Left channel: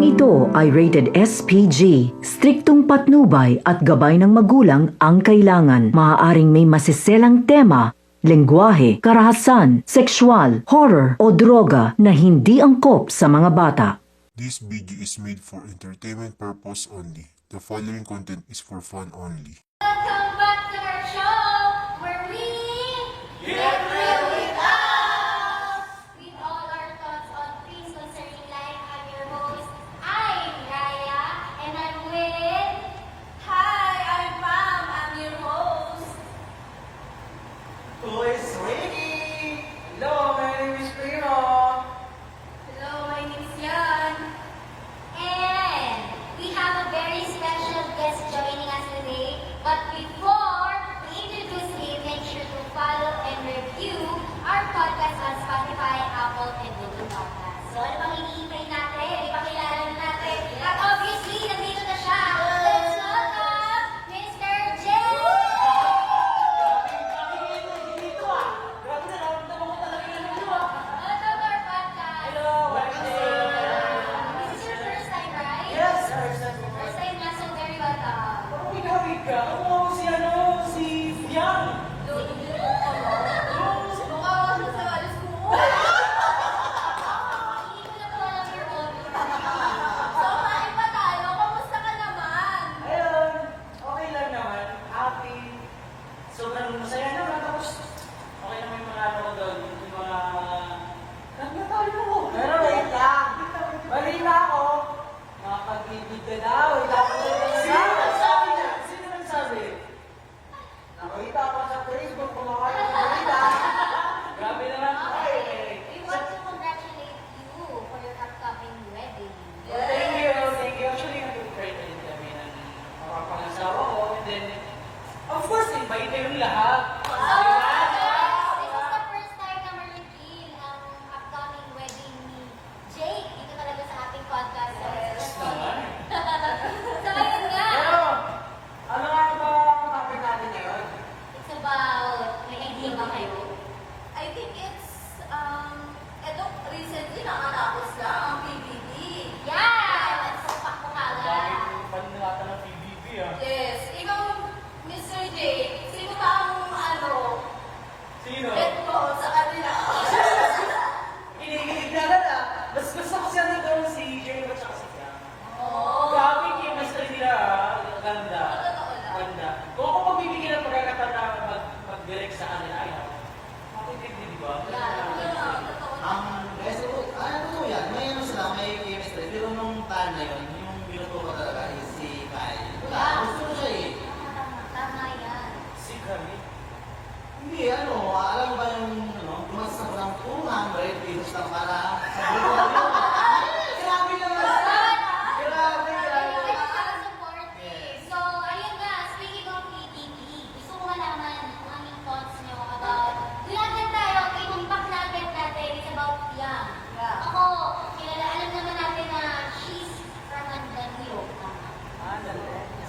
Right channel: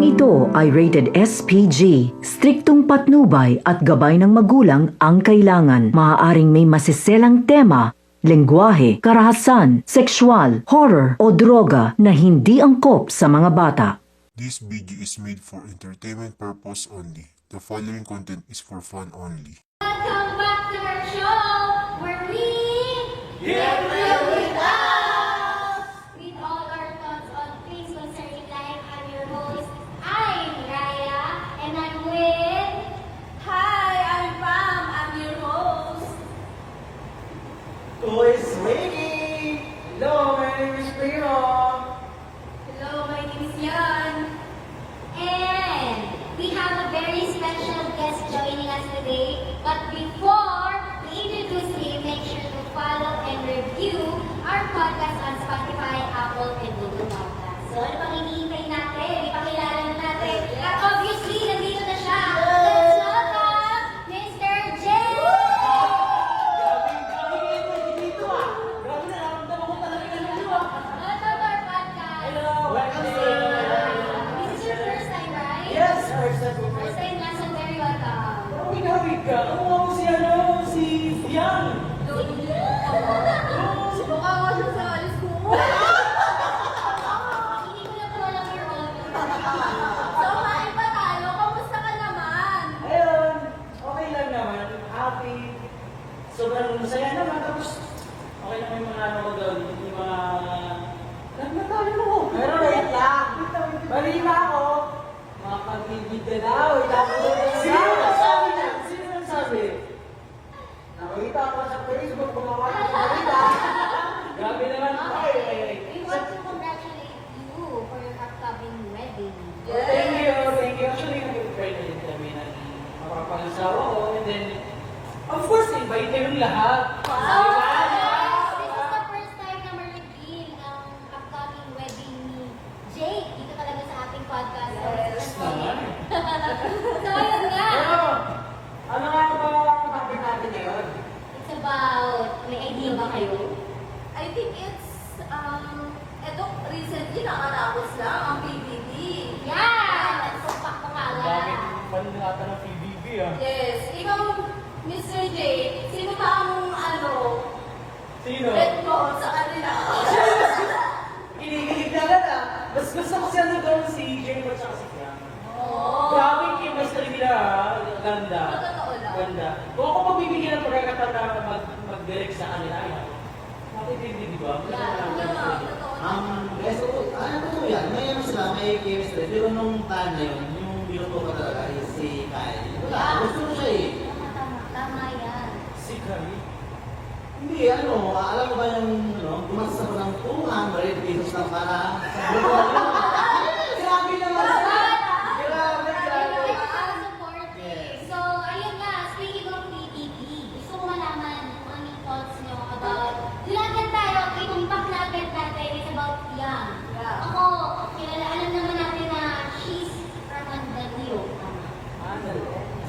Programang ito ay rated SPG. Striktong patnubay at gabay ng magulang ang kailangan. Maaaring may masiselang tema, lengguwahe, karahasan, sexual, horror o droga na hindi angkop sa mga bata. This video is made for entertainment purpose only. The following content is for fun only. Welcome back to our show where we get real with us with all our thoughts on things concerning life. I'm your host, I'm Raya, and I'm with... Hi, I'm Pam. I'm your host. Who is Ricky? Hello, my name is Primo. Hello, my name is Yan. And we have a very special guest joining us today. But before we introduce him, make sure to follow and review our podcast on Spotify, Apple, and Google Podcasts. So ano pang hinihintay natin? Ipakilala na natin. At obviously, nandito na siya. Let's welcome Mr. Jay! Grabe na, naramdaman ko talaga yung ano. Welcome to our podcast. Hello, welcome sir. This is your first time, right? Yes, first time. First time na, so very welcome. Wait ka. Ano si si Yang? Mukha mo siya sa alis ko. Hindi ko na po alam your own. So, kain pa tayo. Kamusta ka naman? Ayun, okay lang naman. Happy. Sobrang masaya naman. Tapos, okay naman yung mga ano ko doon. Yung mga... Nagmatayo mo. Pero wait lang. Mali na ako. Mga pag-ibig na daw. Sino nagsabi niya? Sino nagsabi? Nakita ko sa Facebook, gumawa ng balita. Grabe naman. Ay. We want to congratulate you for your upcoming wedding. Thank you. Actually, nag-pray na din kami na mapapangasawa ko. And then, of course, invite yung lahat. So, guys, this is the first time na ma-reveal ang upcoming wedding ni Jake dito talaga sa ating podcast. So, Yes, naman. so ayun nga. Pero, ano nga ba ang topic natin ngayon? It's about, may idea ba kayo? I think it's, eto, recently nakatapos lang ang PBB. Yan! Nagsupak mo kagad. Panilata ng PBB ah. Yes. Ikaw, Mr. J, sino ba ang, Sino? bet mo sa kanila? Kinikilig na lang ah. Mas gusto ko siya na doon si Jay at saka si Fiam. Oo. Grabe yung chemistry nila ah. Ganda. Totoo lang. Ganda. Kung ako pagbibigyan ng pagkakataon na mag-direct sa kanila, ay makikindi, di ba? Yes, ano po yan, may ano sila, may chemistry, pero nung time na yun, yung binuto ko talaga is si Kyle. Wala, gusto ko siya eh. Tama yan. Si Kami. Hindi, alam mo ba yung, gumastos ako ng 200 pesos lang para sa grupo na yun. Grabe naman sila. Grabe. So, ayun nga, speaking of PBB, gusto ko malaman kung anong thoughts nyo about, lahat tayo, itong backnatin natin is about Yang. Yeah. Ako, alam naman natin na she's from Andanio.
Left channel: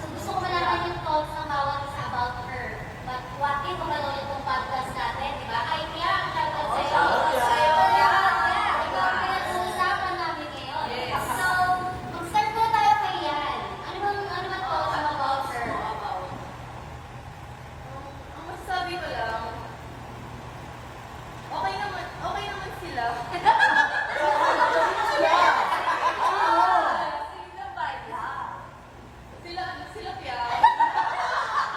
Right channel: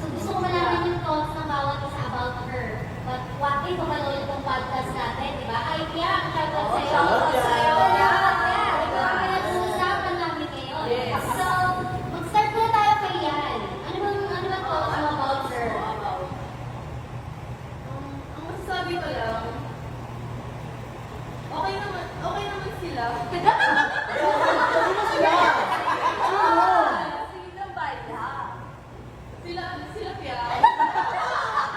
So, gusto ko malaman yung thoughts ng bawat isa about her. But what if mapanood itong podcast natin, di ba? Ay, Yang, shoutout sa'yo. Shoutout sa'yo. Yeah, ikaw ang pinag-uusapan namin ngayon. Yes. So, mag-start muna tayo kay Yan. Ano bang thoughts mo about her? Ang masasabi ko lang, okay naman sila. Sila bala. Sila kaya.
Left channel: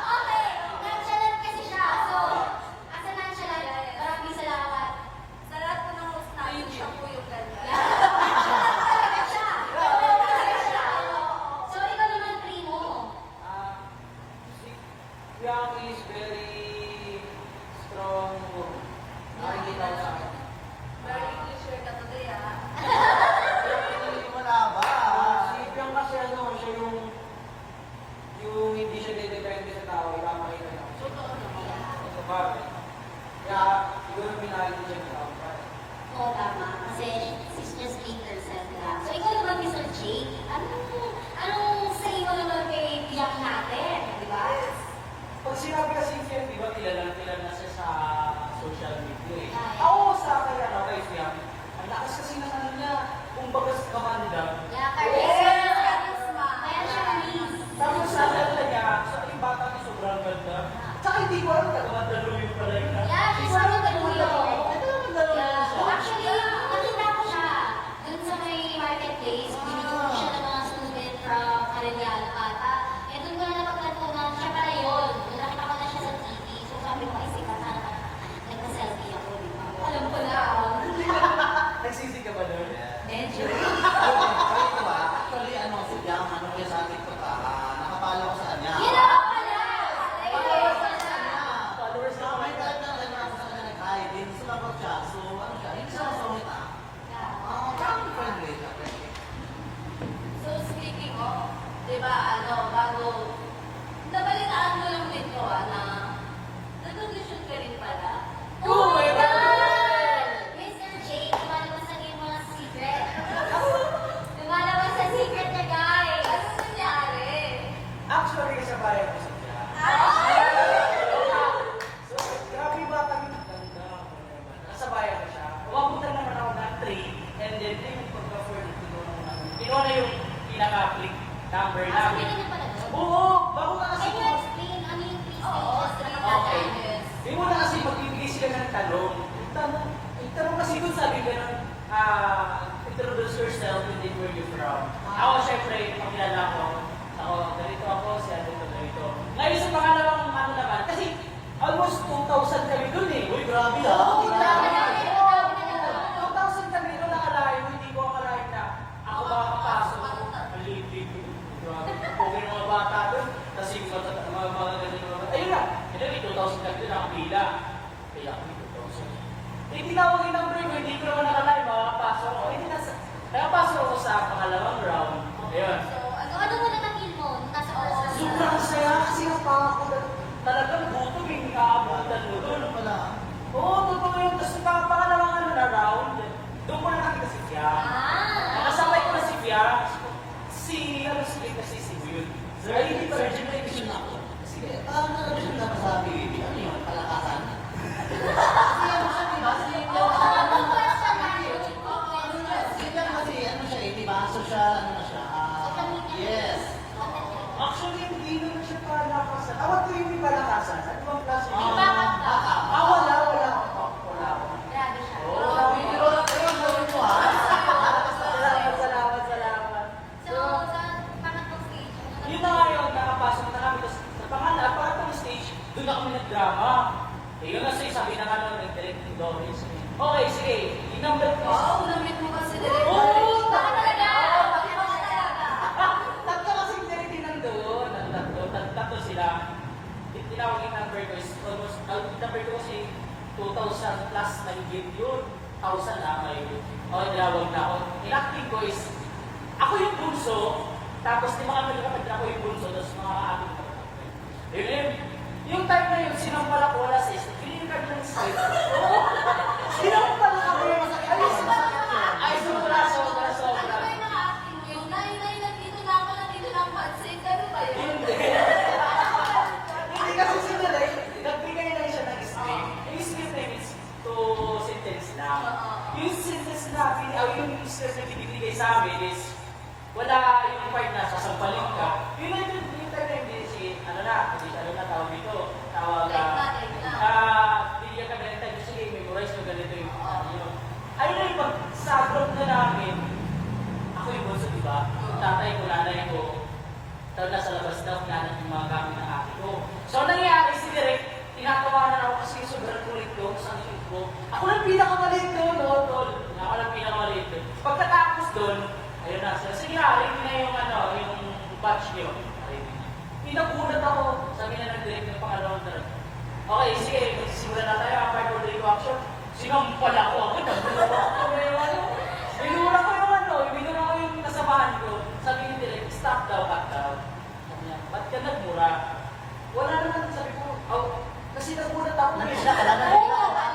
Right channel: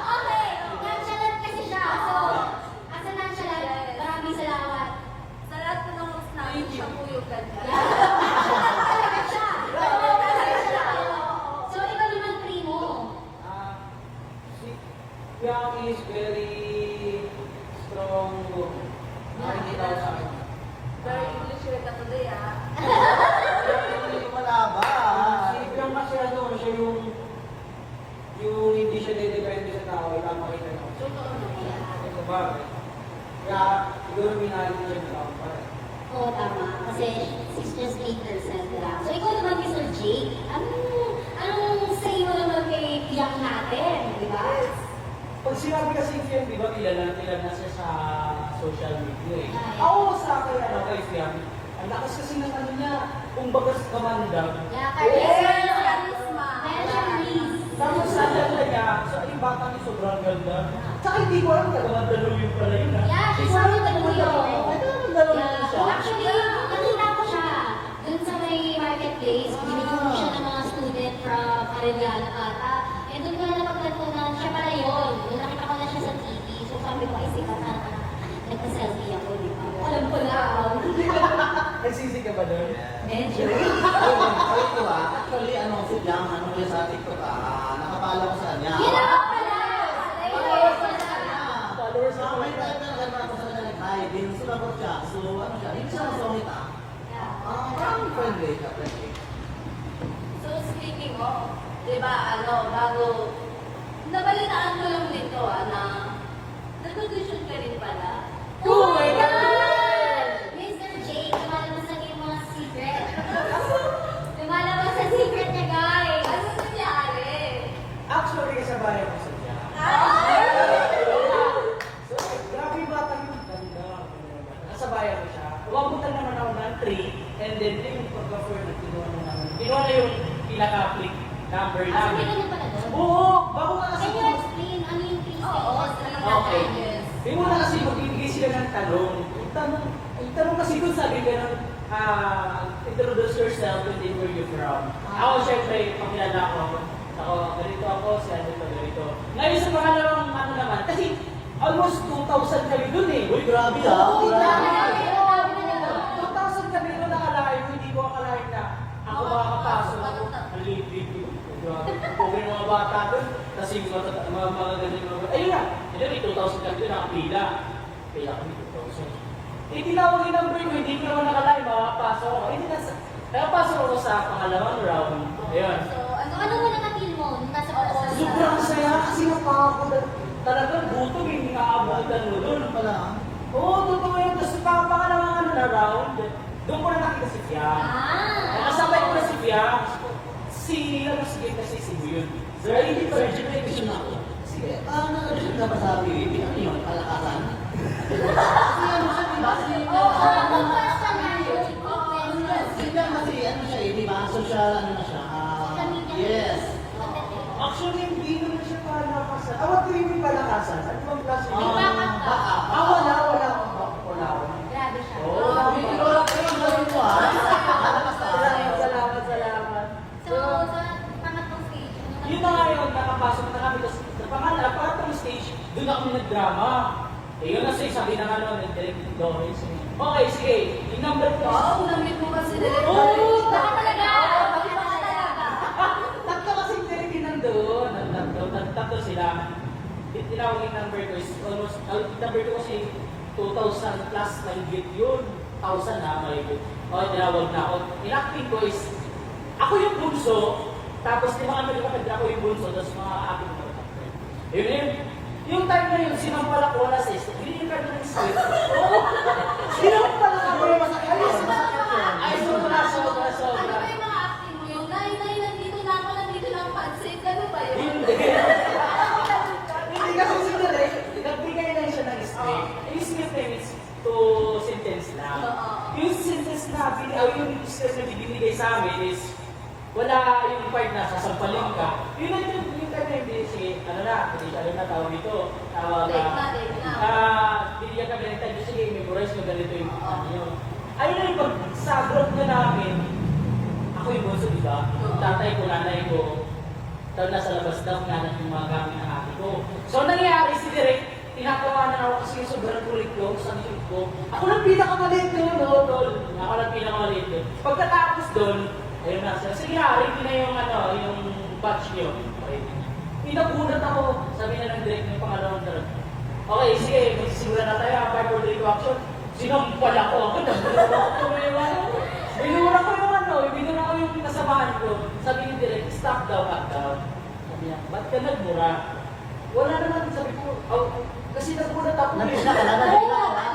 Okay, nonchalant kasi siya. So, as a nonchalant, maraming salamat. Sa lahat po ng host namin, siya po yung ganyan. Talaga siya. Talaga siya. So, ikaw naman, Primo. Si Yang is very strong. Nakikita ko sa kanya. Very English ka today, ah. Hindi malaba. Si Yang kasi siya yung hindi siya dedepende sa tao, ipapakita niya. Totoo naman. Sa bagay. Kaya siguro minahal din siya ng tao. Oo, tama. Kasi she's just 8% lang. So, ikaw naman, Mr. Jake, anong say mo naman kay Yang natin, di ba? Pag sinabi kasi Fiam, di ba, kilala na siya sa social media eh. Ay. Ako sa akin, kay Fiam, Ang lakas kasi ng ano niya, kung bagas kamandag. Yeah, charisma. Meron siyang knees. Tapos naalala niya, so yung bata niya sobrang ganda. Tsaka hindi ko alam, nagawandaluyong pala yun ha. Yeah, she's not a Daluyo. Yeah. Actually, nakita ko siya dun sa may marketplace. Binigyan siya ng mga student from Arellano ata. Eh, dun ko na napagtantungan, siya pala yun. Dun nakita ko na siya sa TV. So sabi ko, ay sikat na nagpa-selfie ako, di ba? Alam ko lang. Nagsisi ka ba doon? Medyo. Actually, ano, si Jam, ano ko yung sa TikTok, nakapala ko sa kanya. Yun ako pala! Followers ko sa kanya. Followers So, ko may time na nagano ako sa kanya, nag-hi, din sumabot siya. So, ano siya, hindi siya masungit parang friendly siya, friendly. So, speaking of, di ba, bago, nabalitaan ko lang dito, na nag-audition ka rin pala. Oh my God! Mr. J, lumalabas na yung mga secret. Lumalabas sa secret niya, guys. Ano nangyari? Actually, kasabayan ko sa siya. So, grabe yung bata yung ganda. Kasabayan ko siya. Umabutan naman ako ng 3, and then yung pagka-4 na kinuha na yung pinaka-click number Ah, namin. may ganun pala doon? Oo, bago nga kasi. Can you explain ano yung three Oo, stages? Okay. May muna kasi magbibigay sila ng tanong. Yung tanong kasi kung sabi ka ng introduce yourself and then where you're from. Ako syempre, pakilala ako, ganito ako, si Andito, ganito. Ngayon sa pangalawang ano naman, kasi almost 2,000 kami dun eh. Uy, grabe Oo, grabe. grabe na. 2,000 kami dun nakalayo, hindi ko akalain na ako makakapasok. Ang liit-liit ko. Grabe, pugin ng mga bata dun. Kasi mga ganda yung mga bata. Ayun na, may 2,000 kami dun nakapila. Pila kami 2,000. Eh, tinawag yung number ko, hindi ko naman nakalain, makakapasok ako. Eh, nakapasok ako sa pangalawang round. Ayun. So, ano mo na-feel mo nung nasa first round? Sobrang saya kasi napakakulat. Talagang gutom, hindi nakaabutan mo doon. Ano pala? Oo, totoo yun. Tapos pangalawang ano na round, doon ko na nakita si Fiam. Nakasabay ko na si Fiam. Ano si kasi si Buyod. Sir, hindi pa rin generation ako. Sige, nag-audition na ba sa PBB? Ano yun? Palakasan? Kasi ano siya, di ba? Ang question na yun. Si Jam kasi, ano siya, di ba? Social, ano na siya? Yes. Actually, hindi naman siya palakasan. What do you mean palakasan? Ano bang klase? May backup ka. Wala akong backup. Wala akong. Grabe siya. Wala ko yung gawin ko Salamat. So, sa pangatlong stage, ano Yun na nga yun, nakapasok na kami. Tapos, pangatong stage, doon ako nag-drama. Eh, yun kasi sabi na nga nun, nag-direct ng Doris. Okay, sige. Yung number ko. Oo, namit mo kasi direct. Oo, Baka talaga. Tatlo kasi yung direct yun nandun. Tatlo sila. Tinawag yung number ko is almost, yung number ko kasi 2,000 plus na higit yun. 1,000 na, mahigit. Okay, tinawag na ako. Inacting ko is, ako yung bunso, tapos di mga kapatid ako yung bunso, tapos mga ating mga kapatid. Yun. Yung time na yun, sinampalak ko na sa isip. Green card ng script. Oo. Sinampalak ako. Ay, sobra. Ano ba yung mga acting mo yun? Nay, nandito na ako, nandito na ang pansit. Ano ba yun? Hindi kasi sinalay, nagbigay lang siya ng script. Yung script na is to sentence lang. Yung sentence na, yung script na binigay sa amin is, wala yung part na sasampalin ka. Yun na yung time na hindi, sige, ano na, tawag dito. Tawag Date na. Binigyan ka ganito, sige, memorize mo ganito yung ano yun. Ayun na yung pag sa group na namin, ako yung bunso, di ba? Tatay ko, nanay ko, tapos nasa labas daw, nanat yung mga gamit ng ate ko. So, nangyari si Direk, tinatawanan ako kasi sobrang kulit ko, sa shoot ko. Ako lang pinakamaliit doon, no, tol. Ako lang pinakamaliit doon. Pagkatapos doon, ayun na, sige na, ready na yung yung batch niyo. Pinakulat ako, sabi na ng Direk ng pangalawang direct. Okay, sige, magsisimula na tayo, 5 4 3 2 action. Sinampal ako, binura ko yung kasamahan ko. Sabi ni Direk, stop daw, cut down. Sabi niya, ba't ka nagmura? Wala naman, sabi ko, kasi nagmulat ako. Nagpila ka lang, nagpila ka lang.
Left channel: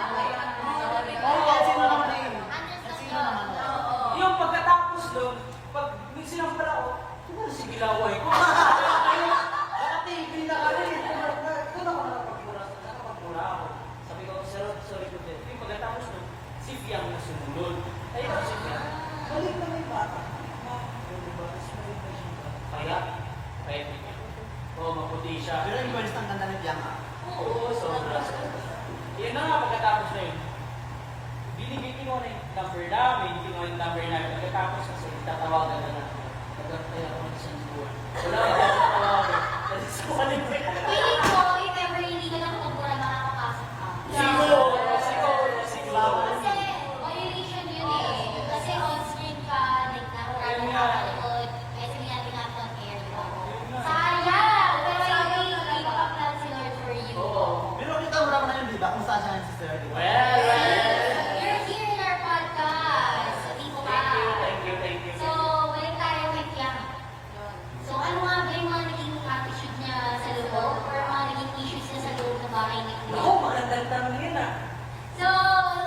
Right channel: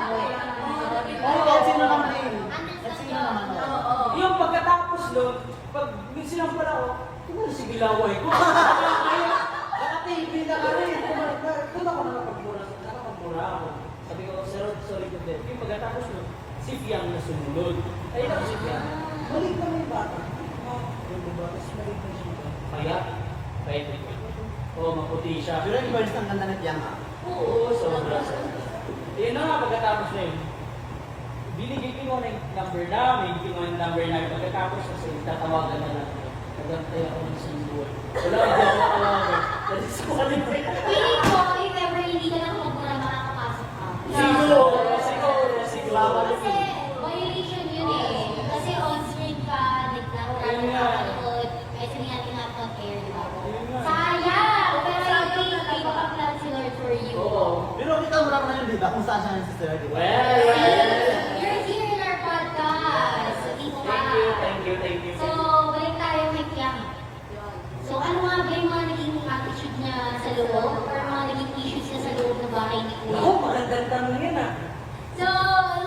Sino naman yun? Sino naman yun? Yung pagkatapos doon, pag sinampal ako, kumano si Bilaway ko. Naka-TV na ka rin. Doon ako nakapagmura ako. Sabi ko, sorry ko din. Yung pagkatapos doon, si Fiang na sumunod. Ayun ang siya yan. Balik na may bata. Diba? Tapos balik na siya. Payat. Payat din yan. Oo, maputi siya. Pero yung first ang ganda ni Piang ah. Oo, sobra. Yan na nga, pagkatapos na yun. Binigay ko na yung number namin, kinuha yung number namin. Pagkatapos kasi tatawagan na natin. Nagantay ako ng isang buwan. Wala, hindi ako natawagan. Nalis ko kanina. Feeling ko, if ever hindi ka na kumagmura, makakapasok ka. Siguro. Kasi violation yun eh. Kasi on-screen ka, nagkakaroon, kasi nga tinat on air, di ba? Sayang! Pero I think, iba ka plan si Lord for you. Oo. Pero kita mo naman ngayon, di ba? Kung saan siya yung sister, di ba? You're here in our podcast. Sabi ko ka. Thank you. So, balik tayo kay Piang. So, ano nga ba yung mga naging attitude niya sa loob? Or mga naging issues niya sa loob ng bahay ni Kuya? Ako, magandang tanong yun ah. So,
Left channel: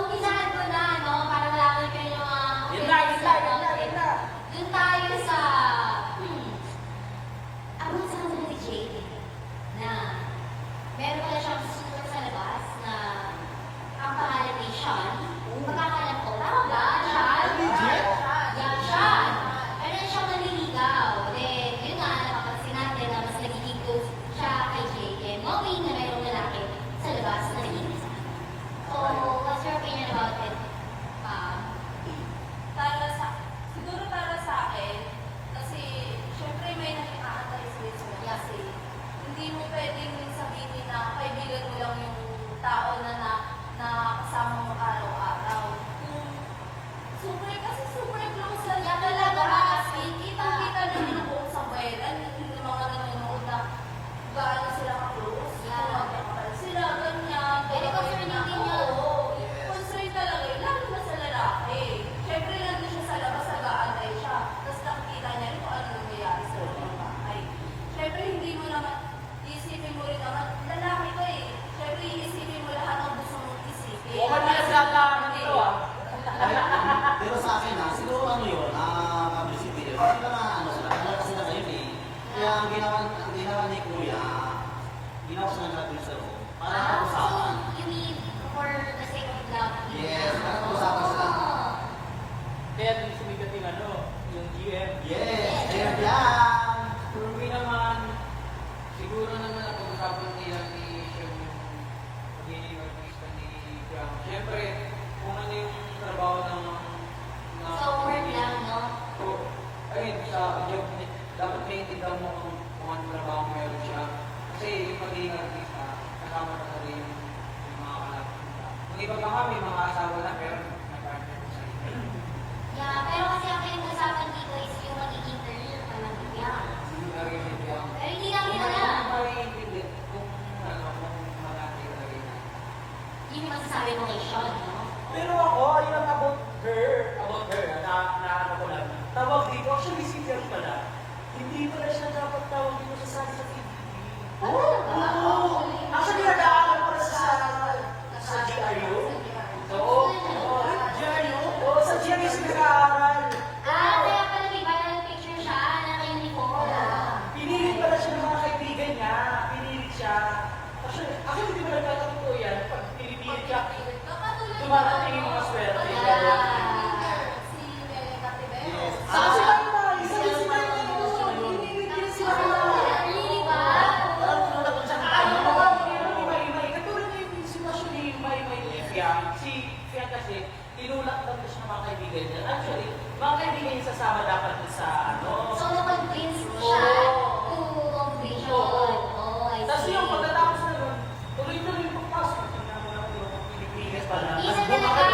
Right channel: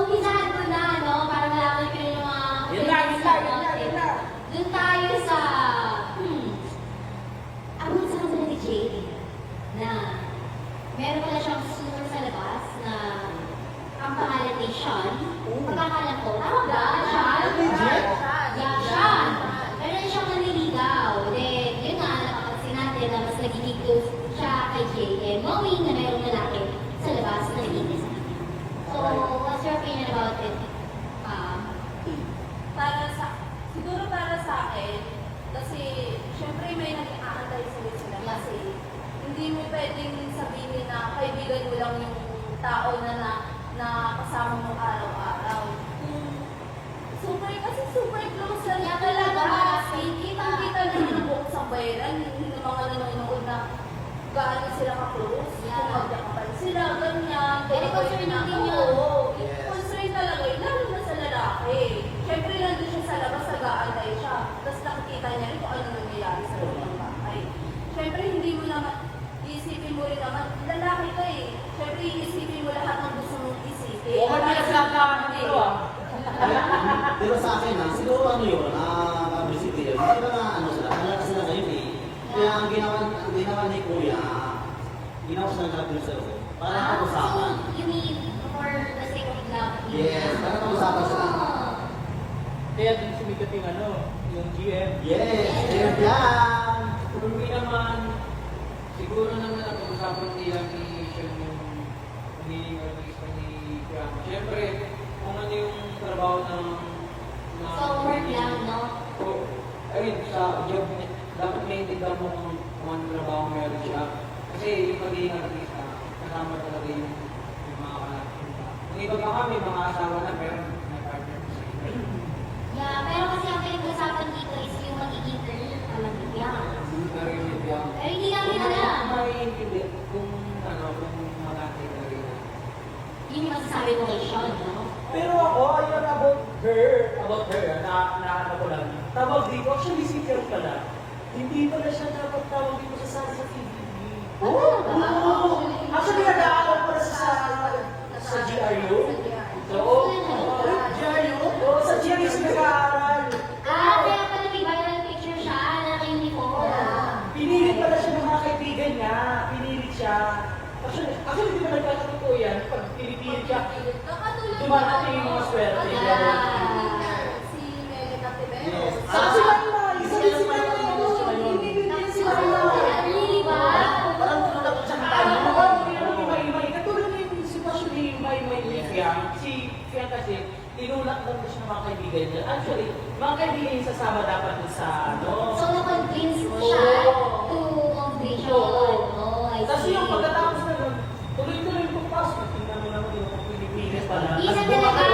umpisahan ko na, no? Para malaman ko yung mga Yun na. Doon tayo sa, abot sa kanila ni Jade na meron pala siyang susunod sa labas na ang pangalan ay Sean. Pagkakalam ko, tama ba? Sean? Yeah, Sean. Meron siyang nanliligaw. Then, yun nga, napapansin natin na mas nagiging close siya kay Jade. And knowing na merong lalaki sa labas na nagiging. So, what's your opinion about it? Siguro para sa akin, kasi syempre may nakikakantay sila kasi hindi mo pwedeng din sabihin na kaibigan mo lang yung tao na kasama mo araw-araw. Super close lang Yeah, niya talaga. talaga, Kita natin ang buong sambayaran, yung mga nanonood na gaano sila ka-close, Yeah. kumagakapal sila, ganyan. Very concerning din yun. Oo, Yes. constraint talaga yun, lalo na sa lalaki. Siyempre, nandun siya sa labas, nag-aantay siya. Tapos nakikita niya rin kung ano nangyayari sa loob ng bahay. Siyempre, hindi mo naman, iisipin mo rin naman, lalaki ka eh. Siyempre, iisipin mo lahat ng gusto mong isipin. Huwag na sinasabi dito ah. Pero sa akin ah, siguro ano yun, publicity yun. Hindi ba na ano sila, kaya kasi na ngayon eh. Kaya ang ginawa ni Kuya, ginawa siya ng trapil sa loob. Parang pag-usapan. So, you mean for the sake of love? Yes, parang pag-usapan sila. Kaya din sumikat yung ano, yung GM. Yes, yes yan! Hindi naman, siguro naman ang pag-usapan nila ni Sean yung pagiging artista ni Kiyama. Siyempre, kung ano yung trabaho ng... So, work lang, no? So, ayun, sa job niya, dapat naiintindihan mo kung anong trabaho meron siya. Kasi yung pagiging artista, kasama talaga yung mga anak. Kung iba ka nga, may mga asawa na, pero may partner mo sa iba. Yeah, pero kasi ang pinag-usapan dito is yung magiging career ka lang ni Piang. Hindi ka rin yung biyang. Pero hindi namin alam. Maiintindihan kung ano, kung malaki na rin. Yun yung masasabi mo kay Sean, no? Pero ako, yung about her, na ko lang. Tawag dito, actually si Pierre pala. Hindi pala siya dapat tawag dito sa sabi sa PBB. Oo! Actually, nag-aaral pala sa GRU. Oo. GRU? Oo, sa GRU siya nag-aaral. Kaya pala may viral picture siya, naka-uniform. Pinilit pala siya ng mga kaibigan niya. Pinilit siya. Actually, hindi ba nagkakatotoo yan? Pag pinipilit ka, dumarating yung mga swerte. Si Nene Catibero. Yes. Si Maymay! Sabi si Maymay! Pinilit niya si Maymay! Really ba? Parang tulad ko siya ng tayo. Katulad na yung sitwasyon ni Maymay ni Fiang. Si Fiang kasi, tinulak lang ko siya ng mga kaibigan niya. Actually, mga kaibigan niya sasama dapat dun sa ano. So, na-convince siya to audition. Oh, I Tapos see. yung pagkatapos na nun, tuloy-tuloy yung pagpasok. Tingnan mo naman yung Pilipinas pala. Isa talaga.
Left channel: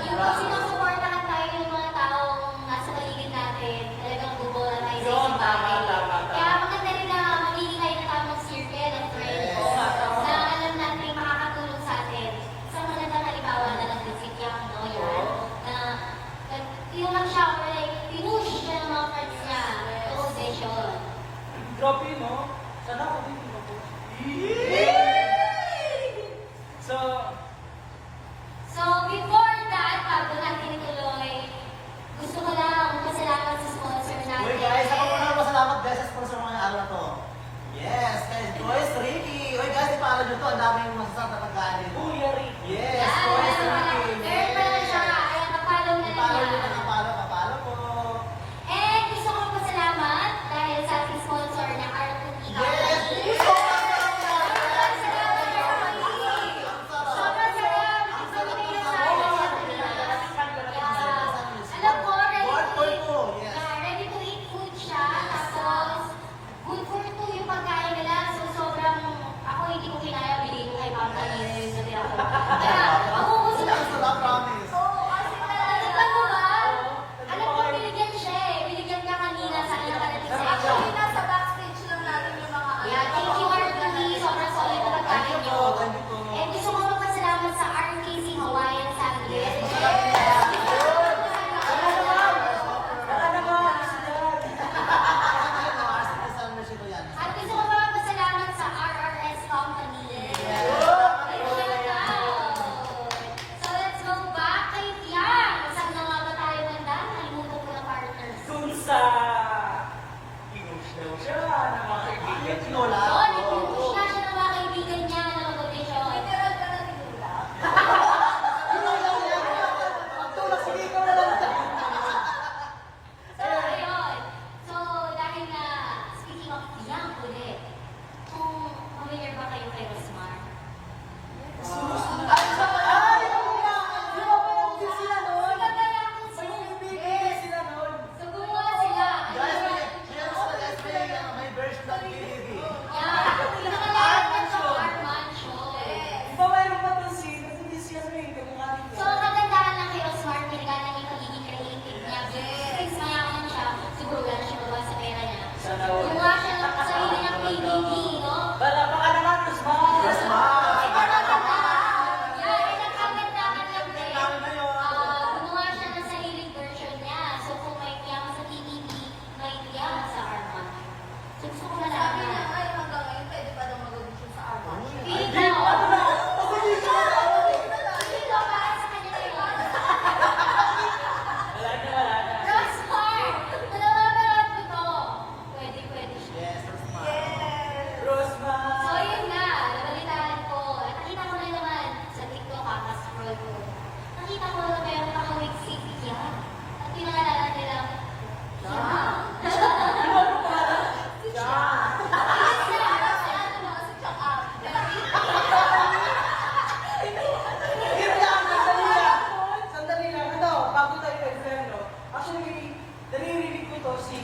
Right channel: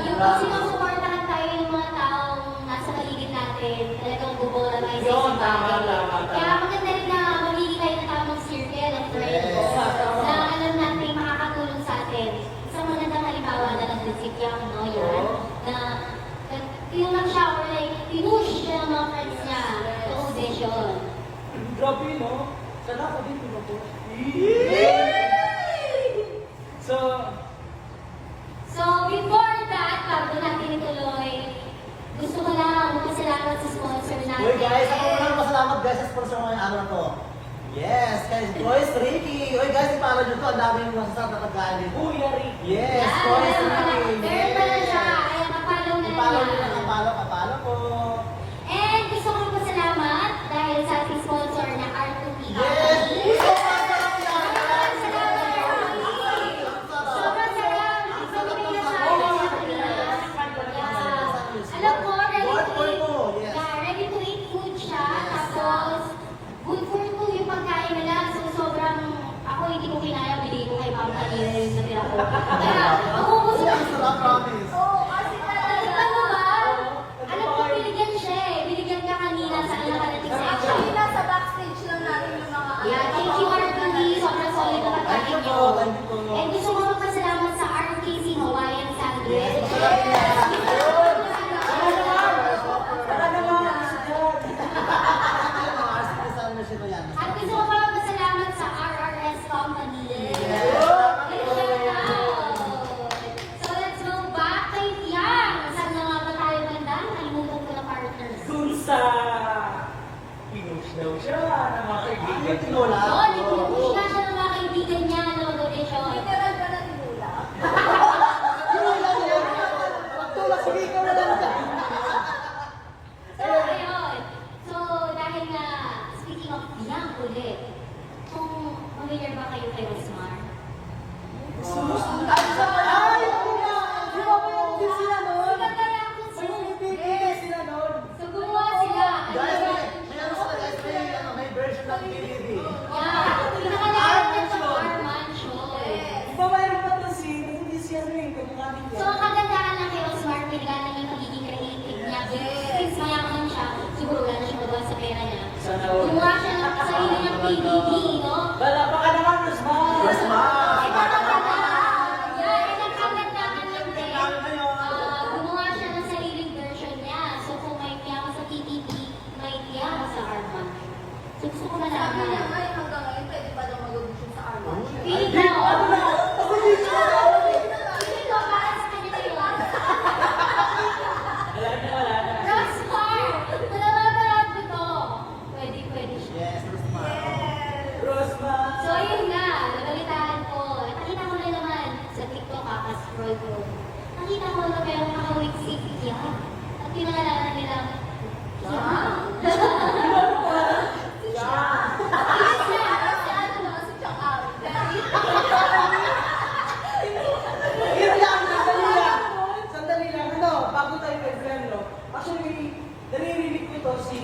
Yung pag sinusuportahan tayo ng mga taong nasa paligid natin, talagang bubolarise sa Yun, isang tama, bagay. tama. Kaya maganda rin na magiging tayo ng tamang circle of friends Yes. na alam natin makakatulong sa atin. Isang magandang halimbawa na lang din si Piang, no? Yan. Na tinulak siya or like, pinush siya ng mga friends niya to audition. Grabe, no? Sana ako din ako. So, So, before that, bago natin ituloy, gusto ko lang magpasalamat sa sponsor natin. Uy guys, ako muna masalamat guys sa sponsor ng araw na to. Yes, guys, Boys Ricky. Uy guys, para nyo to, ang dami yung masasarap na pagkain dito. Kuya Ricky. Yes, Yan, Boys meron pala. Ricky. Meron pala siya. Kaya kapalaw na lang sa pinush daw siya ng mga kaibigan niya. Tinola. Yun, ipinupush na siya ng mga kaibigan niya na mag-audition. Literal ka na tinula. Tinola niya. Pagtulak, sige, ikaw na lang. So, ayun. So, dahil nga, speaking of young ulit, kung familiar ba kayo kay Rosmar? Ay! Di ba may audition sila noon? Kaya kung May ibibigay sila noon. so, gumawa sila. Guys, may ano sila, guys, may version ng DVD. Yeah, pinakalayan na sa Arman Show. Di ba mayroon pa itong hindi siya ano eh, kamukha niya. So, ang kagandahan ng kay Rosmar, pinagana niya yung pagiging creative niya. Since mayaman siya, siguro wala na siya magawa sa pera niya. Sana all. Gumawa siya ng sarili niyang DVD, no? Wala pa ka naman, Rosmar! Eh, nakagandahan. Yeah, eh, nakagandahan lang din. Gumawa siya ng sariling version niya. So, kung may piyaman sa TTT, may piyaman sa Arman. So, gusto ko Sabi niya malaman. nga hanggang ngayon, pwede pa daw mag-audition sa Arman. Feeling ko, feeling ko, para sa kanya na yun. Wala na. Rosmar! Kung napapanood ko to, pwede siya. Yes, Rosmar. Rosmar! So, yun nga, nabalitaan ko. Nakita ko na naman sa TikTok, kakascroll ko. Nakita ko na meron nakawig si Yan. At pinangalala nila, Yan. Ibig niya, si ano ba, si Chong Out. Sandali lang, ano, bago tayo nag-friend, no? Actually, naririnig ko to si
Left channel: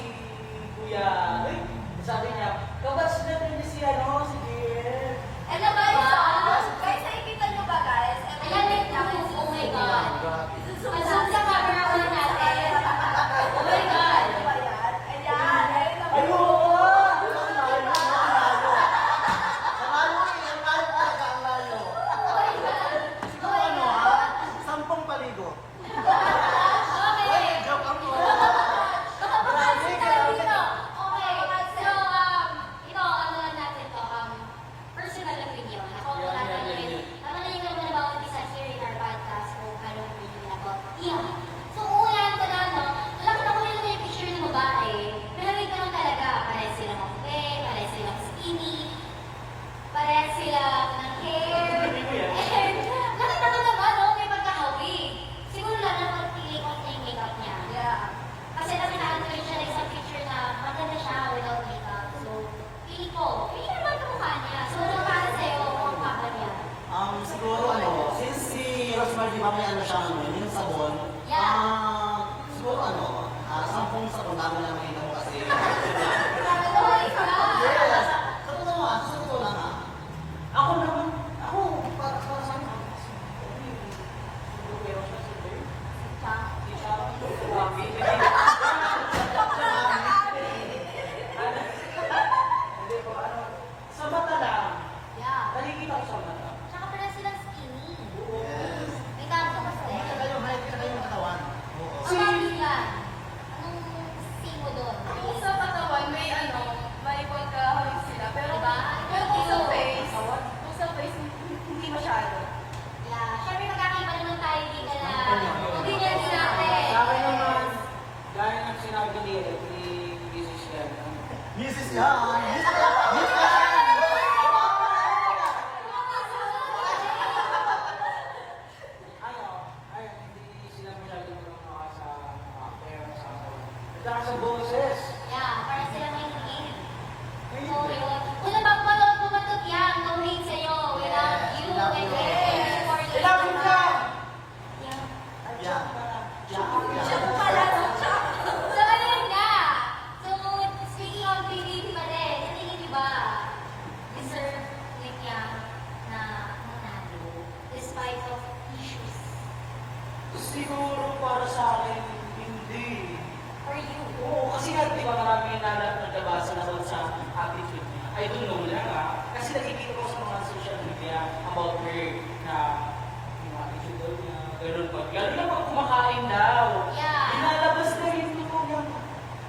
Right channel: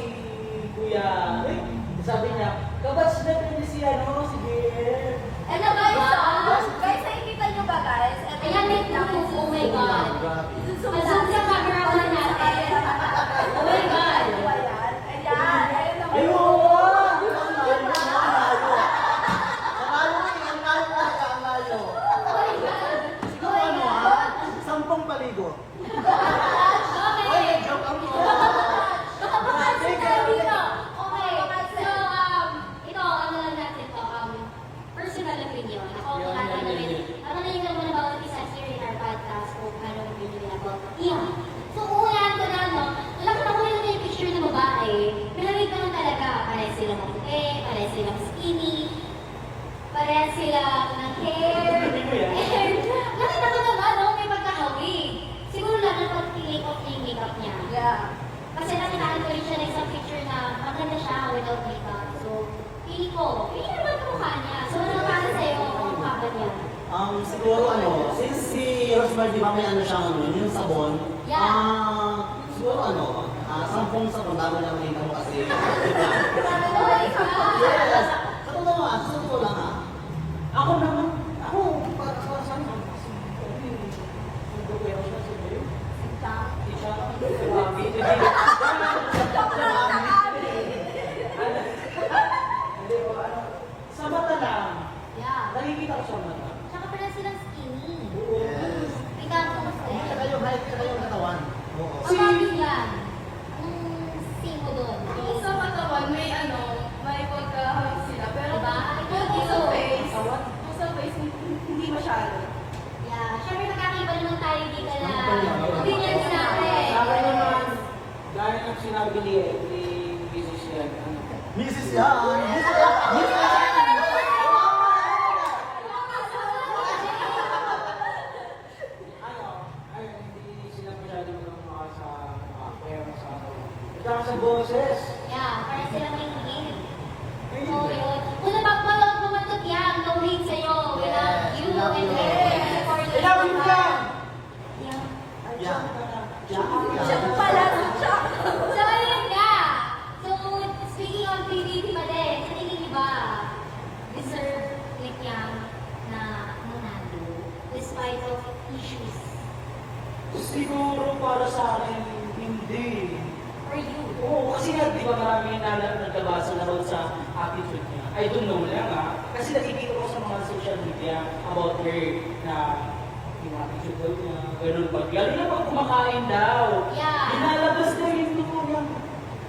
Kuya Rick. Sabi niya, kabatch na rin si ano, si Bill. Ano guys, guys, nakikita niyo ba guys? Ayan, may proof. Oh my God. Zoom sa camera ko na natin. Oh my God. Ano ba yan? Ayan, ayun naman. Pero, Ang layo, ang layo. Ang layo eh, ang layo talaga, ang layo. Oh my God. Oh my Ano God. ha? 10 paligo. Okay. Joke ako. Baka makasin tayo dito. Okay. So, ito, ano lang natin to, personal opinion. Ako, tatanungin. Tatanungin ko naman bawat isa here in our podcast kung ano yung opinion ako. Yeah. So, unahan ko na, no? Nakita ko yung picture ng babae. Pinamig ko lang talaga. Pares silang maputi, pares silang skinny, pares silang ng hair. And, nakita ko naman, no? May pagkakawig. Siguro lang na pag-take off niya yung makeup niya. Yeah. Kasi nakitaan ko rin siya ng isang picture na maganda siya without makeup. So, feeling naman kamukha niya. So, ano para sa'yo kung mukha ba niya? Siguro ano, since si Rosmar, di ba may ano siya, ano, yung sabon, Yeah. siguro ano, 10 sabon bago na makita mo kasi. Oh my God! Yes! Sa totoo nga, sa totoo lang ha. ako naman, para sa akin, kasi, pero siya si Bill. Si siya, si Mami, hindi ko, ano, sa mata lang, Yeah. nakikita ko sa mata. Tsaka pala silang skinny. Yes. May tapos eh. Saka yung height, saka yung katawan. Oo. Ang bagay yan. Anong see mo doon? Sa katawan, may ano, may pagkahawig sila. Pero Diba? kung sa face, kung sa face, hindi masyado. Yeah. Siyempre magkakaiba naman tayo dito na opinions natin. Sa akin naman, gaya ng sinabi ni Mrs. Yan, Mrs. Yan! Mrs. Yan! Mrs. Yan! ay, hindi sila masyado mga sa pera sa asawa. Saka sa boses. Yeah, para sila may hate. So, yun. Kung napapanood mo man ito, yan, no hate sa'yo. We love you. We love And you. we're supporting you. Love you ka! Yeah. Yan. Yan. So, ayun nga. So, speaking of PBB pa din, sa tingin niyo ba, deserve like yan na manalo despite of issues Siguro para sa akin, hindi. for you? Oo, kasi nga, di ba marami nga nagkabasa na about sa attitude niya. I don't know lang ha. Kasi nakikita ko sa mga social media about her na yung attitude daw niya, ganun pag. Lalo na pag kumakain daw. Yeah. Inalabas na yung totoo niya.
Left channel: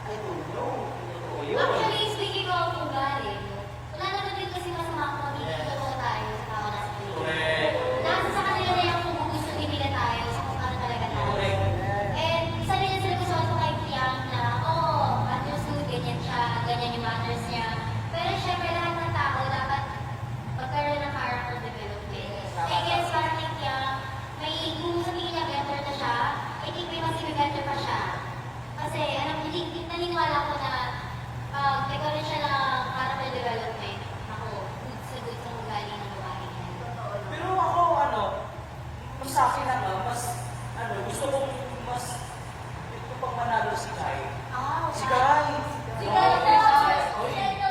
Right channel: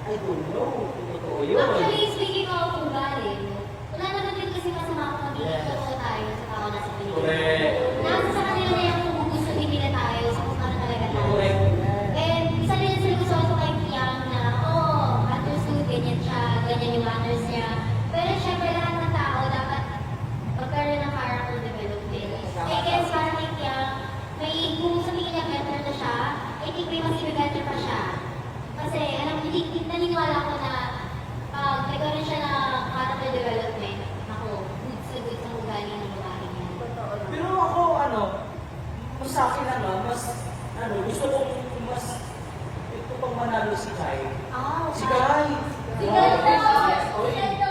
I don't know. Totoo yun. Actually, speaking of ugali, wala naman din kasi masama kung magiging Yes. totoo tayo sa tao nasa paligid. Correct. Nasa sa kanila na yung kung gusto nila tayo sa kung ano talaga tayo. Correct. And isa din yung sinagustuhan ko kay Kian na, oh, think may mas better pa siya. Kasi, naniniwala ko na pag nagkaroon siya ng character development, ako, good sa ugali ng babae niya. Pero ako, mas sa akin mas, gusto ko mas, ito pang manalo si Kai. Si Kai! Sige,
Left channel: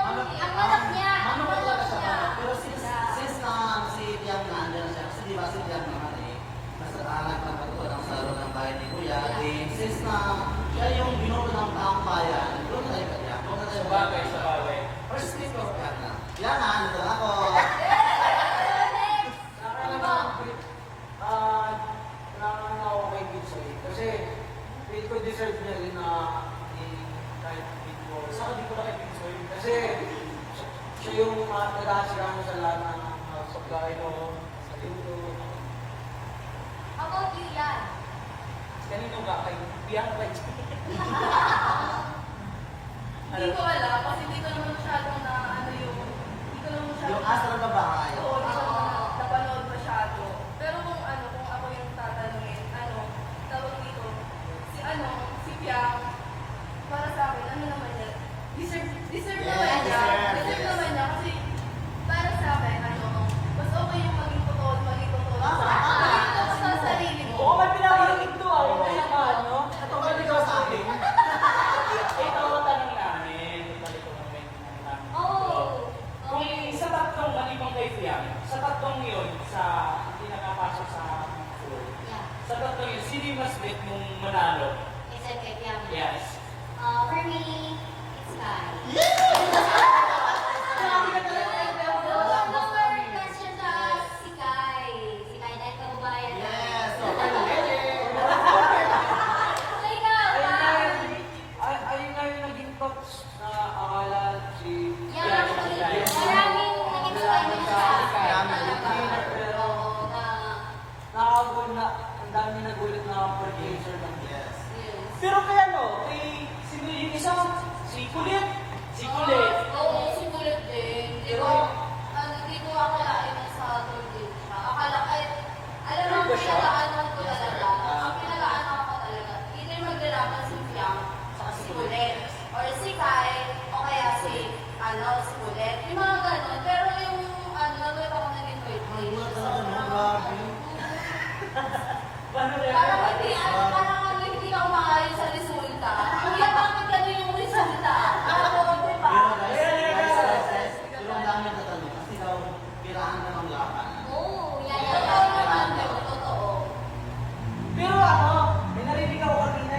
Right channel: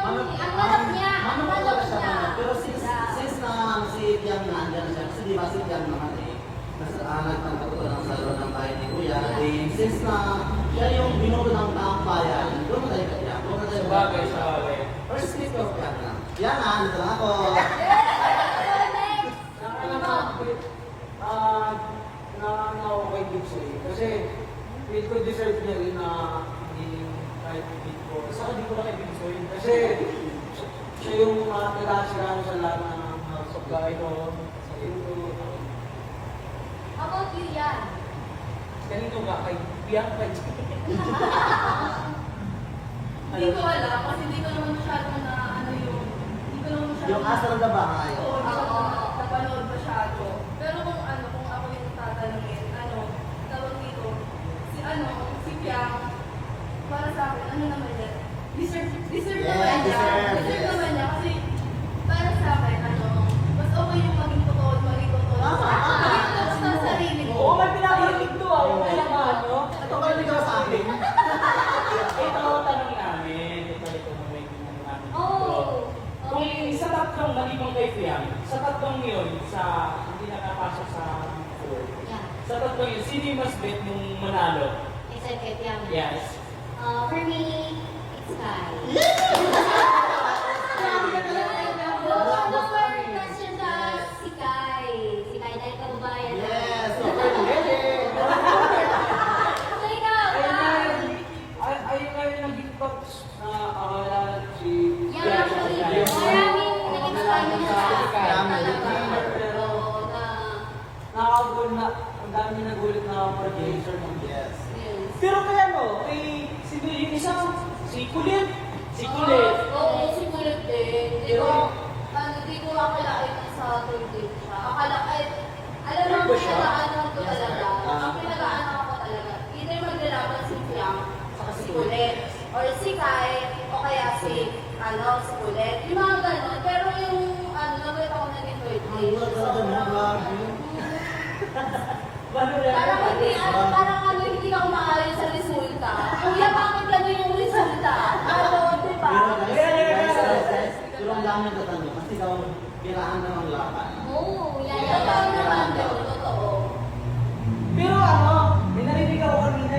ang manok niya. Ano mo talaga siya manok? Pero since na si Tiang nandyan siya, kasi di ba si Tiang naman nagpagkatutunan sa loob ng bayan ni Kuya, then since na siya yung binuto ng taong bayan, doon na tayo ka Tiang, doon na tayo ka Sabagay, sabagay. First speak of Tiang na. Tiang na, nito lang ako. Nangangalan ako kay Bitsoy. Kasi, feel ko deserve niya rin na maging kahit big boss. Saka di ko na kay Bigsoy. Kasi, siya yung nag-aasirano sa lahat ng supply ko, sa YouTube. How about you, Yan? Ganito nga kay Biang pa. Hindi ko alam kasi hindi ko naman masyadong na hindi ko naman masyadong Yung asa ng babae. Oo, hindi ko napanood masyado. Pero kung ako yung tatanungin, tawag dito, si Piang, para sa akin, naman niya, deserve Yeah, naman niya. deserve, Deserve yes. naman niya kasi para sa akin, mas okay yung maging totoo at maging totoo. Sa sarili ko. Oo, may pinaparinig to May naman, Ito ba yung ikaw sa akin? Ito ang tanong namin. Ito ang may tanong namin. Oh, Kung okay. sa tatlong maliban kay Fiam, sa tatlong yun, hindi nakapasok sa four. Yeah. Sa tatlong yun, sino yung mas bet mong manalo? It's okay, Piang. Yes. For me, it's Kai. No more questions si Kai. Si Kai dahil kababayan na. Yes, okay na galing. So ikaw, Ayun na yung naging coach na akala si... yan actually, maraming nag-explain na sa Pero, Oo, na nakakagul na, ang dami nagulit na producer ng Yes. yes. Pero kay sino yung isa? Si Kulit. Si Kulit. Oo, si Kulit din. Pero, hindi ko akalain na sa third grade siya. Alam mo, pinagaanan ko talaga. Ang pinagaanan ko talaga, either maglalaban si Fiang, saka si Kulit, or si Kai, o kaya si Kulit. Yung mga ganun. Pero yung, nagulit ako naging third grade. Parang hindi ka kumakain sa resulta. Kuya, bakit gano'n yung resulta? Diba? Pero ang dami na tanong, kasi daw, kailangan na ng laban. Oo, yan. Totoo naman yun, totoo. Pero may narinig ako kanina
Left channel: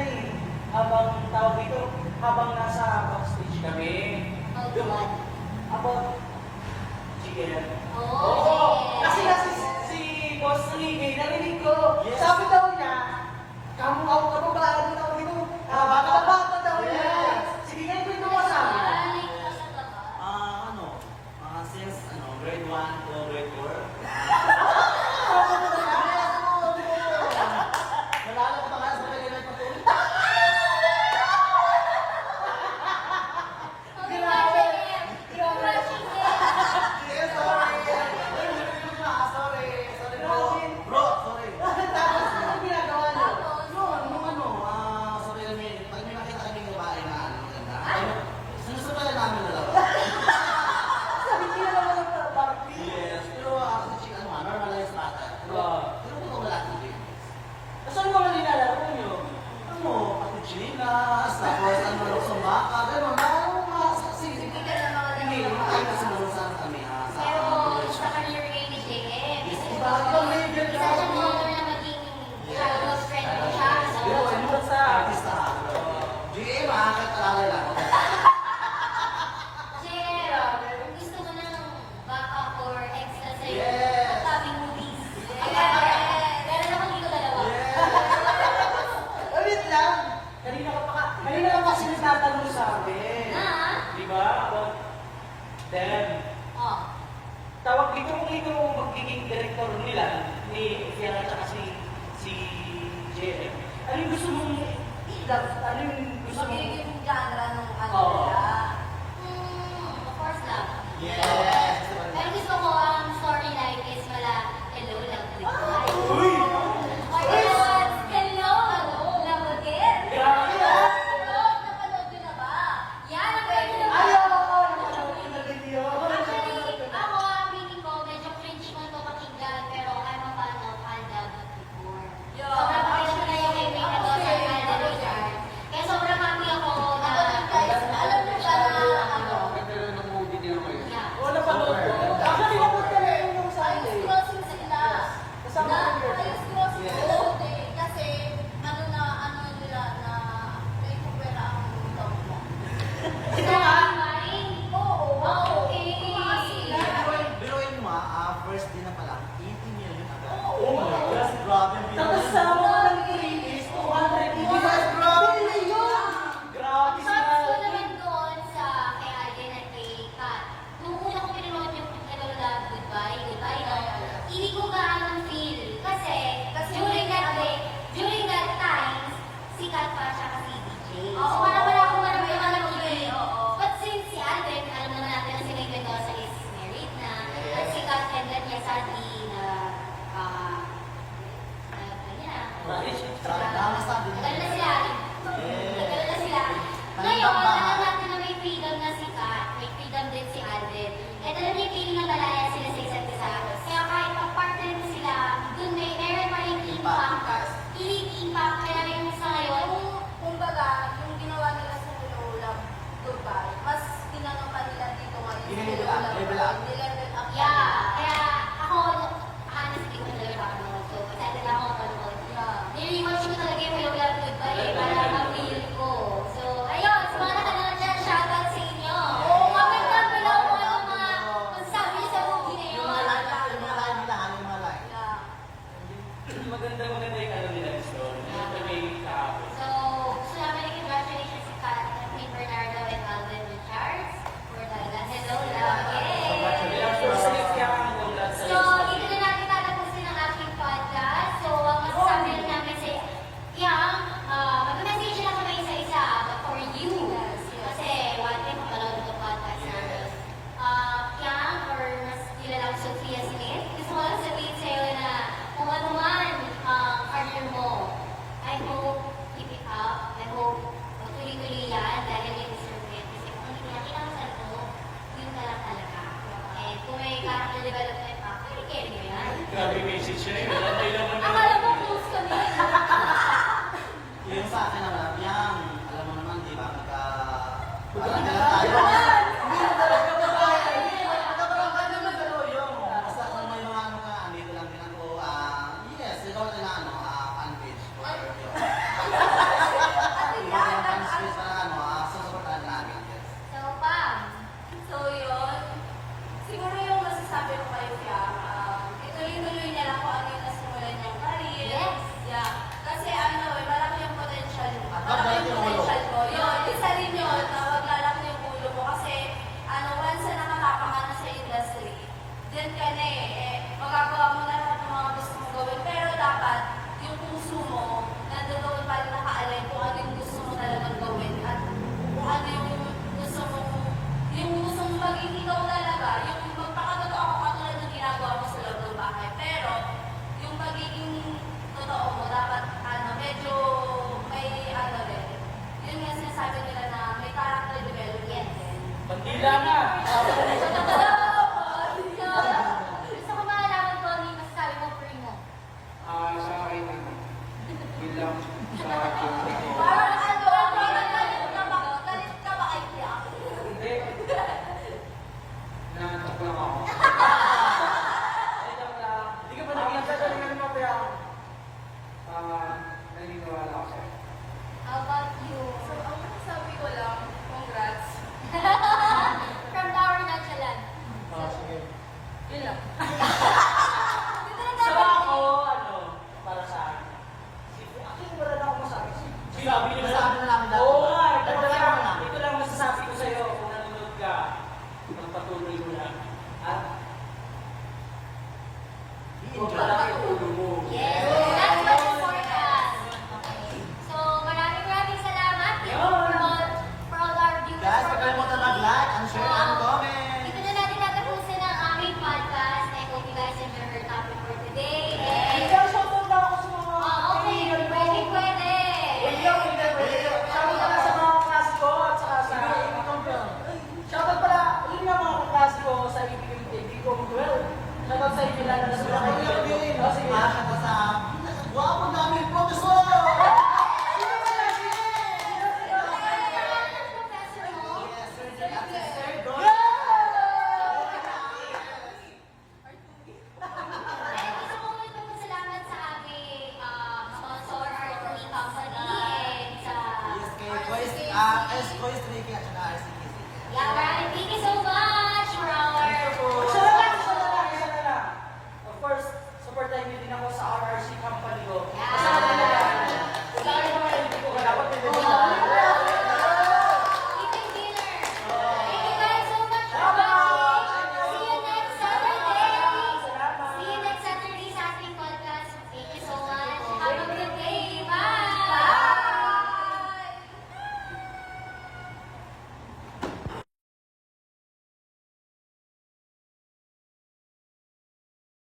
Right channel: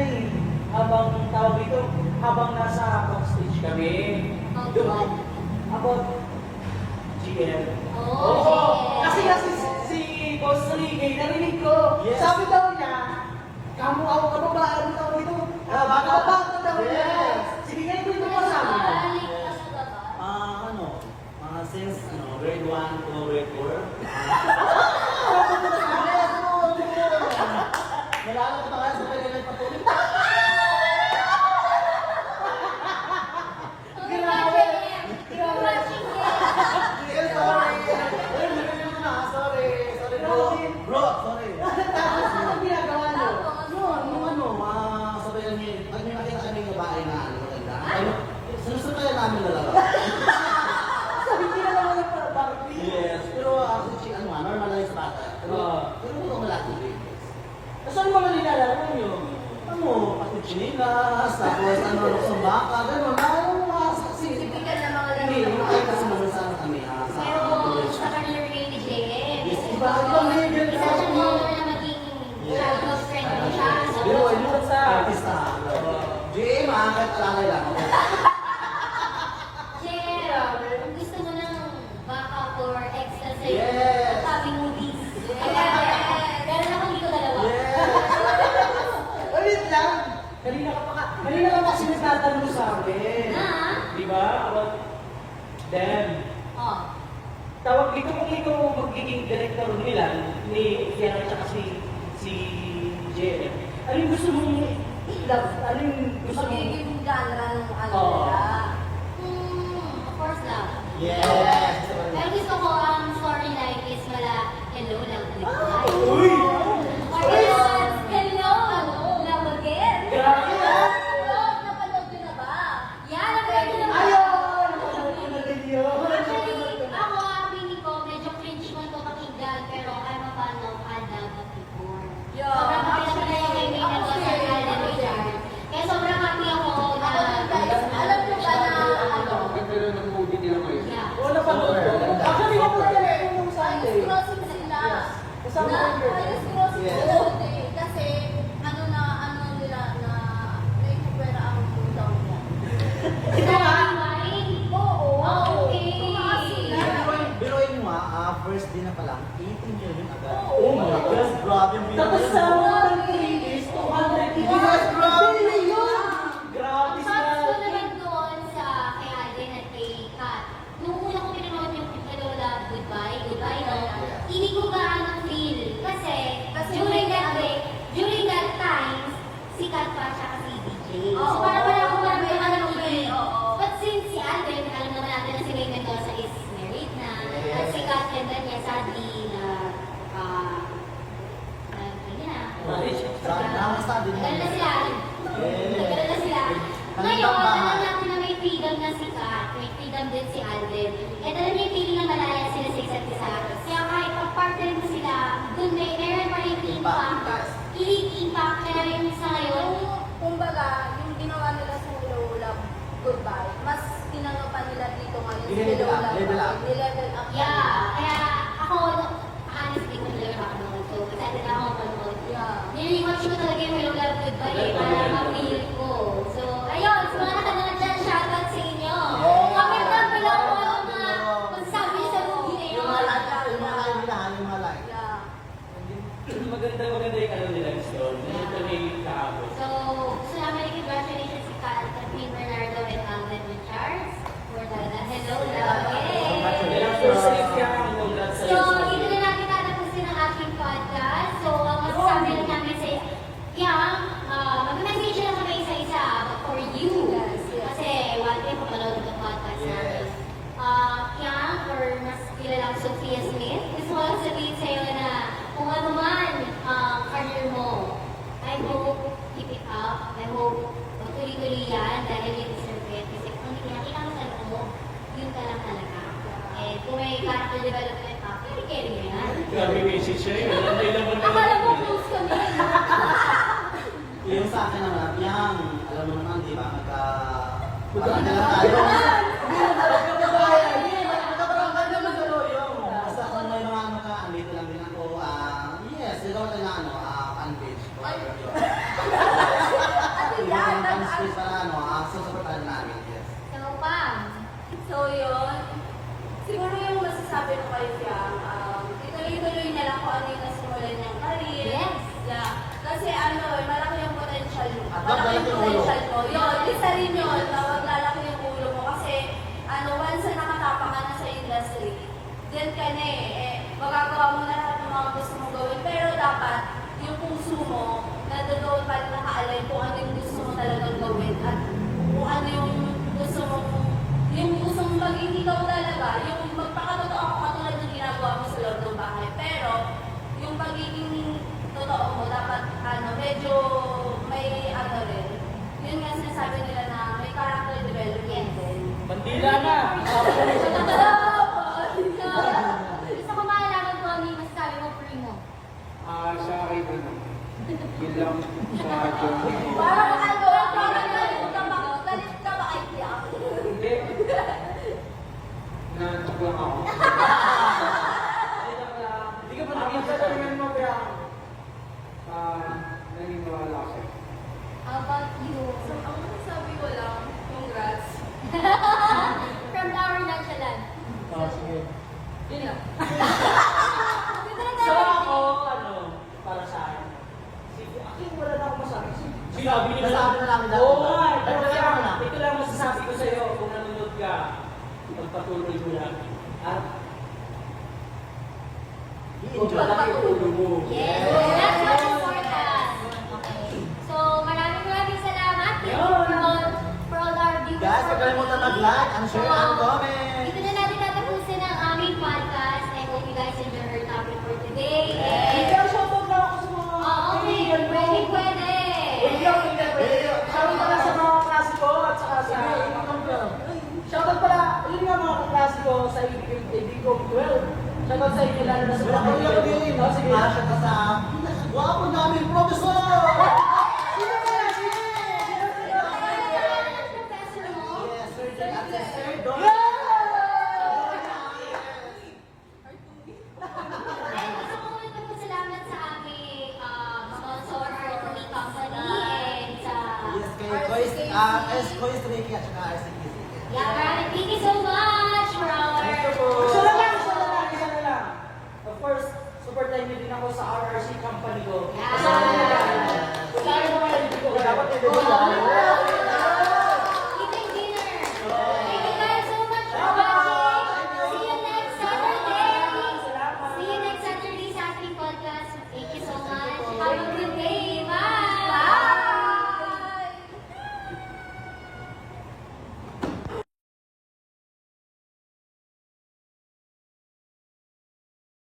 habang nasa backstage kami. About what? About GL. Oo, GL. Kasi si Boss Enrique, narinig ko. Yes. Sabi daw niya, kamu ako kababae daw ito. Baka daw niya. Yes. Sige nga ito mo sa amin. Balik ka sa baba. Since grade 1 to grade 4, nalala ko pa kaya sa mga ganyan patuloy. Okay, watching him. You're watching him. Yes, sorry. Sorry. Bro, sorry. Tapos anong ginagawa niyo? Sabi kami, pag may nakita kaming babae na maganda, sinusupayan namin dalawa. Sabi niya naman ng Barbie. Yes, pero actually, normalized bata. Pero kung malaki din. Saan mga nilalaro niyo? Pati chinilas, tapos luksong baka, gano'n. Mga saksi. Hindi ka na mga Hindi, ay kasi namusan kami sa Pero college. sa career game ni JM, Yes, iba, ibang level isa sa siyang amin. honor na maging childhood friend mo siya. Pero So, hindi sa artista. GM, kahit alalay lang. JM, kung gusto mo ng backup or extra sa Yes. tabi movies, meron akong dito dalawa. Wait lang. Kanina lang kasi nagtatanong sa akin. Na? Di ba? About them. Oh. Tawag dito kung ikaw magiging director nila ni Fiona at si JM. Ano yung gusto mong ano yung gusto mong Magiging genre ng Oo. nila. Of course lang. Yes. Pero gusto ko ang storyline is mala hello, love, goodbye. Uy! Or hello, sikat pa siya kasi DJ. So Oo. parang wala akong May maramdaman ng ano feeling. eh, oo. But since si Alvin, alam naman natin na si May Mendoza is married na, at si Kat and then niya sadly na, ano na, tagal na sila. Tagal na sila. Ngayon, alam natin na may freedom na si Kat, may freedom din si Alvin. At alam niya yung feeling na malaya sila sa isa't isa. Kaya kahit pag-partner mo sila, dun meron pa rin impact. I-impact kaya yung sa ngayon. Kumbaga, yung ginawa nila sa Hello Love Goodbye, mas pinano pa nila dito ngayon. I-level up, level up. I-level up. Yeah, kaya ako, honestly, kung nila papanood. So, excited na ako mapanood. Yeah. Niliwatch ko talaga yung Hello Love Goodbye para ma-feel ko. So, ayun, sa mga nakanood dyan, shoutout sa inyo. Comment down below kung ano mga masasabi niyo sa movie na yun. Yung mga like nila, yung mga like. Yeah. Maganda yung ano nila gusto. Yung kami kahapon. So, gusto namin i-congratulations si Kat, Queen Bernardo, and Alvin Richards for the Hello Love. Yay! First safe kaya kami congrats So, dito na natin tatapusin ang ating podcast. So, ang masasabi lang namin sa Yang, mag-message lang kami isa-isa, but for you. Kasi, one day, mapanood ang podcast namin. Yang, or mas kilala ko Sophia Smith, gusto ko lang sabihin sa'yo na kung ano man ang career mo, I hope keep it up. I hope magtuloy-tuloy yan dahil you deserve it. Kasi kung hindi nakita mo sa loob mo, yun ka lang talaga. Eh, kung may character development pa, carry mo yan. Grabe message siya yun. Akala mo close kami. Yung sa akin naman, yang, alam mo naman, di ba, parang kailan tayo. Magkakaroon naman gano'n yung, basta kung may mga ano ka, andito lang din ako, yes, ikaw na ano, fan-page. Yung fan-page para susuportahan namin, yes. So, Pam, So yun, siguro yung masasabi ko kay Fiang, ituloy-tuloy na lang kung ano yung nasimulan niyang career. Yes. Yeah. Kasi malaki yung potential mo. At Malaki yung maglalaki yung ulo. potential ko. Yun, isa rin yun, na maglalaki yung ulo mo. Kasi, once na nakatapa ka na sa industry, then ka na magagawa mo na lahat ng mga gusto mo gawin. Pero dapat, yung puso mo, nadagawin pa rin naka-align kung ano yung gusto mo talagang gawin. At kung ano yung gusto mo maging ikaw talaga, yung magpakatotoo ako katulad ng ginagawa mo sa loob ng bahay. Pero, yung pagiging totoo mo, dapat medyo may rin. Yun nga sinasabi nila na may character development din. Bandila na! gusto ko malaman ko ano yung masasabi mo for mo. Sa akin, yun lang sa journey ko. Parang galit ka ba kay Fiang? Hindi. Nanantok lang ako. Hindi ka ba nakikita mo kaya? Naniniwala ako sa'yo. How about you? Sabi ko lang, congrats. From Tower Nonchalant. Sige. Yun lang. So ako, para sa akin. Actually, wala na akong masabi. Sinabi niyo Masabi na lang nila. Oo nga, Pero kaya mo lang. ito lang masasabi ko sa'yo kung nanonood ka. Pagpatuloy mo lang. At huwag malaki ang ulo mo. Yes, that's what's important. Okay. So, maraming salamat. Thank you for all our viewers. Guys, huwag kalimutan mag-like, and share, and So, comment. Dito na natin tatapusin ang aming podcast. I hope you guys enjoy our topic for today. And, shoutout lang ako sa mga okay, pwede. Shoutout pala sa mga klase ko at saka sa shoutout pala, yun nga mga klase ko sa Ibigong 12. Shoutout sa inyo lalo na sa mga kaibigan ko. Sige. Shoutout sa guwapo namin professor! Professor mo? Yes, Sir J. At Sir Don. Ay, gusto ko ulit magpasalamat sa aming sponsor, RTD Company, and sa... Yes, kay Kois Ricky at saka RCTC. Yeah, Brian, thank you so much for our... Thank you po. Isa na lang. Of course, supportan niyo din ako sa RRC company ko. Yeah. Kasama nila. Sa akin naman, hindi ko dapat may